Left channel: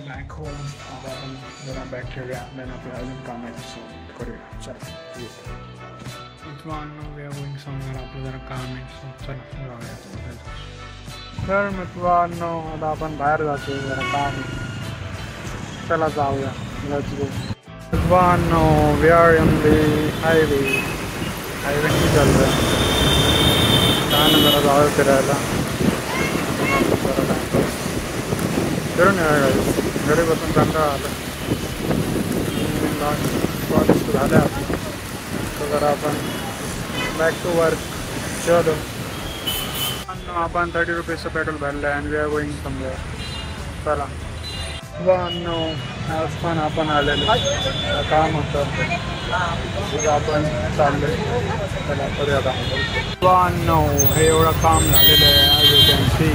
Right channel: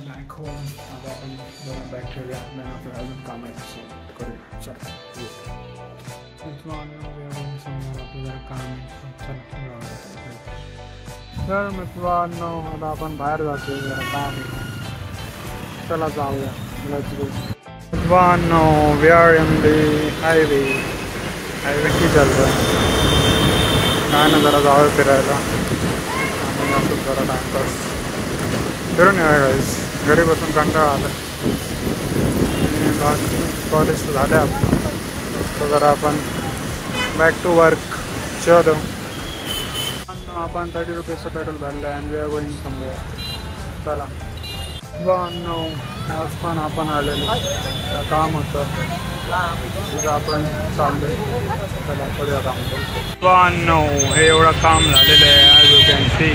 Back home. आता आपण जरा बॅग ठेवूया, देन आपल्याला अजून काम आहे सो करूया. चला मित्रांनो, समजा आपलं जरा काम आहे सो चला जाऊया. तर मित्रांनो आता आपण बाहेर जातो, जरा काम आहे, चला जाऊया. मित्रांनो we are in the highway की चल रहा है. काय ना जरा जाऊया फिरायला आणि आता जरा टाइमपास फिरून येऊया गाईस. घरी बसून कंटाळा आला आणि बाकी कॉलेज तर झालं आहे आपलं, तर जरा आपण बॅक टू वर्क. चलो आपण 30 रुपीजचं पेट्रोल भरलं आहे आणि वी आर गोईंग समवेअर. चला नो आज पण आपण आलेलो काम होतं, तिथं आपण चाललो. चला करूया काम. नो हे एवढं काम झालेलं आहे ॲज यू कॅन सी.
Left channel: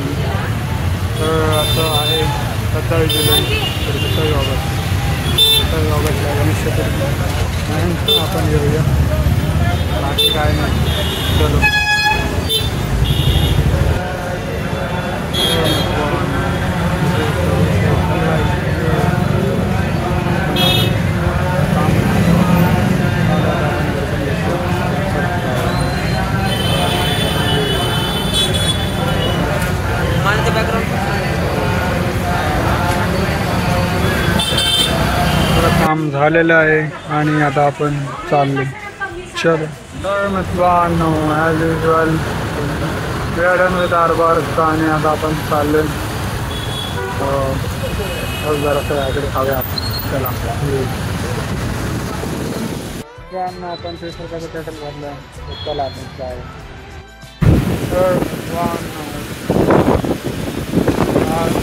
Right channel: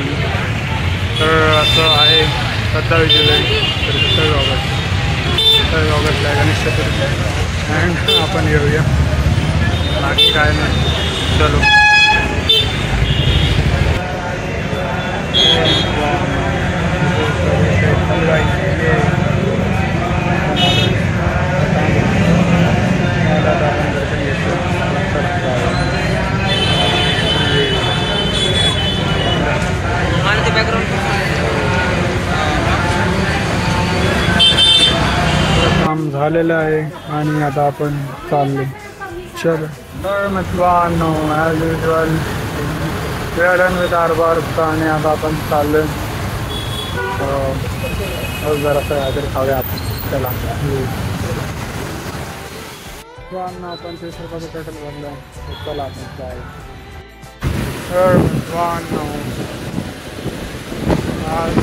तर असं आहे 27 जुलै तर 27 ऑगस्टला गणेश चतुर्थी अँड आपण येऊया. बाकी काय नाही. चलो काम झालेलं आहे आणि आता आपण चाललो. चलो तर मित्रांनो as usual we are done with our work आणि आता आपण चाललो. जरासं काहीतरी खाऊया आपण. चला मित्रांनो आपण 30 रुपयाचं पेट्रोल भरलं, चला आपण जाऊ. तर मित्रांनो आज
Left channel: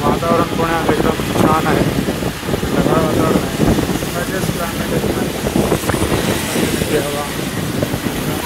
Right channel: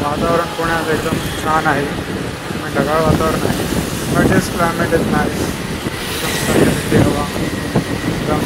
वातावरण पुण्यात एकदम छान आहे. ढगाळ वातावरण आहे, but is climate is nice. हवा एकदम